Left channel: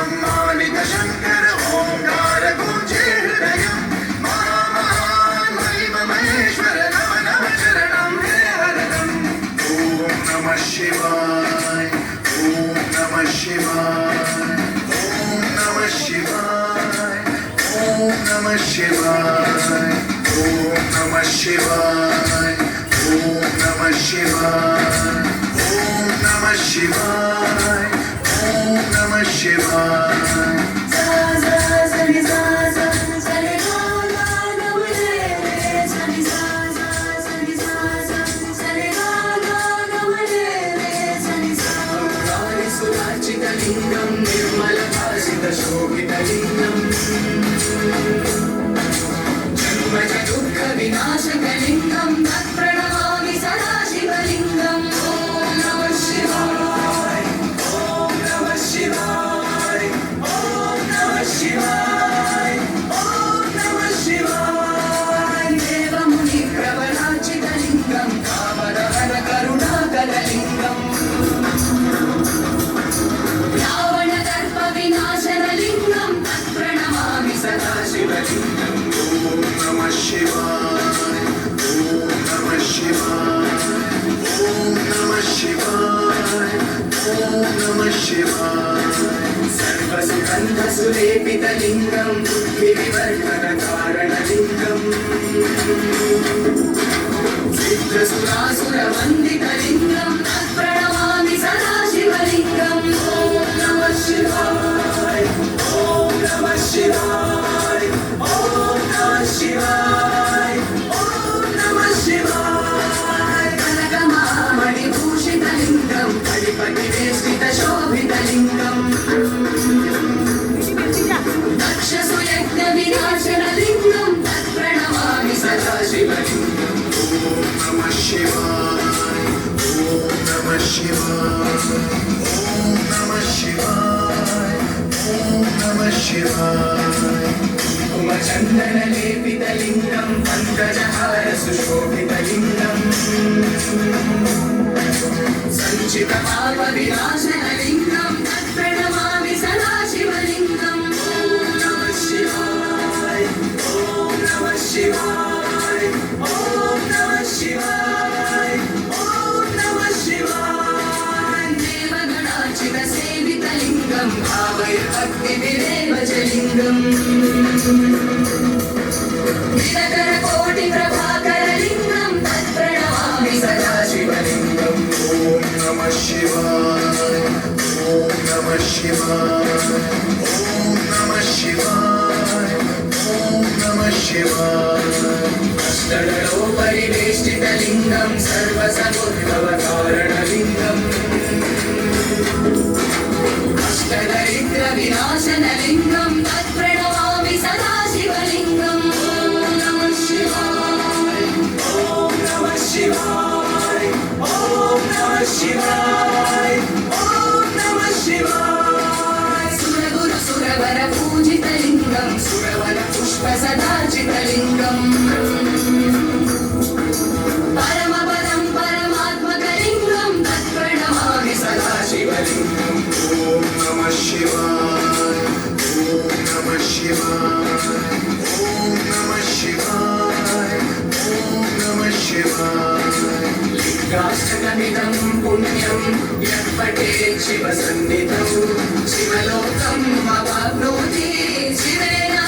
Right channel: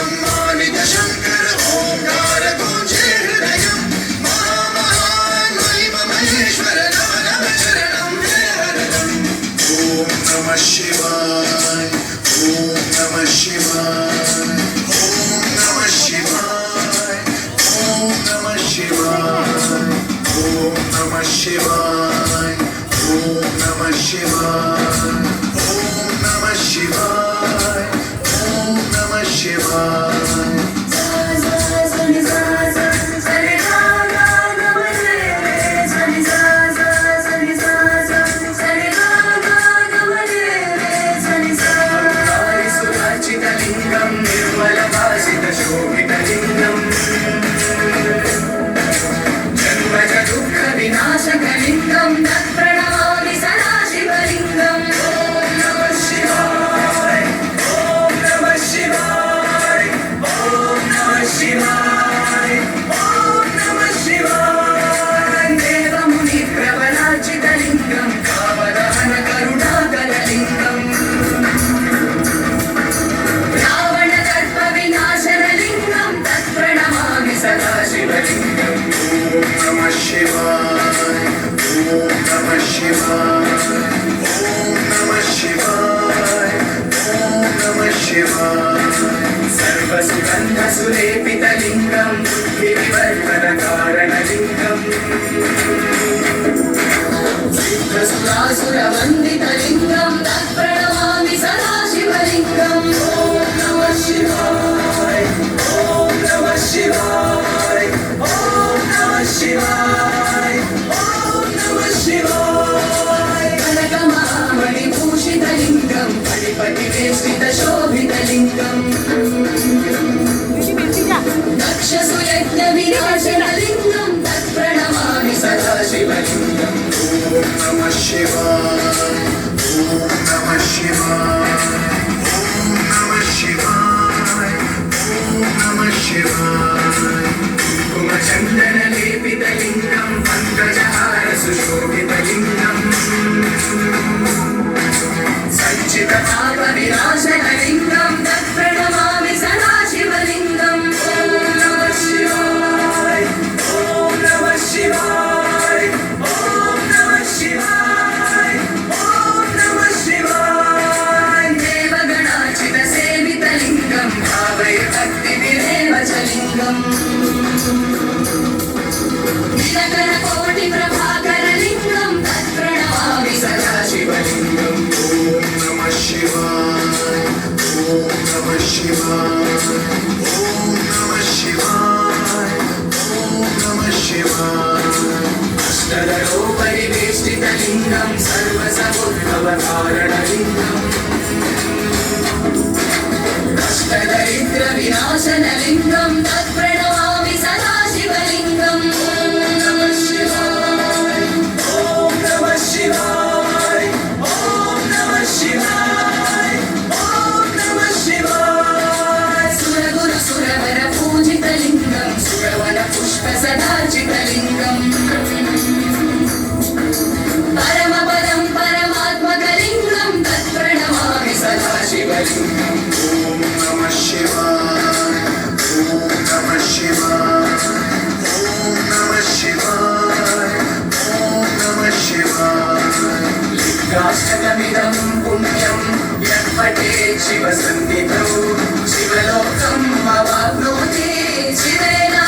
सम्मानित शंकर ओंकार गूंजे हृदयम् महिमा महेश्वर नम नम चरणं हे हरदम् ओम नमः शिवाय ओम नमः शिवाय ओम नमः शिवाय ओम नमः शिवाय ओम नमः शिवाय ओम नमः शिवाय ओम नमः शिवाय ओम नमः शिवाय लिंगम निर्मल भासित शोभित लिंगम जन्मज दुःख विनाशक लिंगम तत्प्रणमामि सदा शिवलिंगम ओम नमः शिवाय ओम नमः शिवाय ओम नमः शिवाय ओम नमः शिवाय देवमुनि प्रवराचित लिंगम कामदहन करुणाकर लिंगम ओम नमः शिवाय ओम नमः शिवाय ओम नमः शिवाय ओम नमः शिवाय सर्वसुगंध सुलेपित लिंगम विवर्तन कारण लिंगम सिद्ध सुरासुर वंदित लिंगम तत्प्रणमामि सदा शिवलिंगम ओम नमः शिवाय ओम नमः शिवाय शिवाय ओम नमः शिवाय कनकमहामणिभूषित लिंगम फणिपतिवेष्टित शोभित लिंगम दक्षसुयज्ञ विनाशन लिंगम तत्प्रणमामि सदा शिवलिंगम ओम नमः शिवाय ओम नमः शिवाय ओम नमः शिवाय ओम नमः शिवाय चंदन लेपित लिंगम पंकजहार सुशोभित लिंगम संचित पाप विनाशन लिंगम तत्प्रणमामि सदा शिवलिंगम ओम नमः शिवाय ओम नमः शिवाय ओम नमः शिवाय ओम नमः शिवाय देवगणाचित सेवित लिंगम भावय भक्ति विरेव च लिंगम कोटि प्रभाकर लिंगम तत्प्रणमामि सदा शिवलिंगम ओम नमः शिवाय ओम नमः शिवाय ओम नमः शिवाय ओम नमः शिवाय अष्टदलो परिवेष्टित लिंगम सर्वसमुद्भव कारण लिंगम अष्टदरिद्र विनाशन लिंगम तत्प्रणमामि सदा शिवलिंगम ओम नमः शिवाय ओम नमः शिवाय ओम नमः शिवाय ओम नमः शिवाय सुरगुरु सुरवर पूजित लिंगम सुरवर पुष्प सदार्चित लिंगम परम पदम परमात्मक लिंगम तत्प्रणमामि सदा शिवलिंगम ओम नमः शिवाय ओम नमः शिवाय ओम नमः शिवाय ओम नमः शिवाय लिंगाष्टकमिदं पुण्यं यत्पठेत् शिवसन्निधौ शिवलोकम् अवाप्नोति शिवेन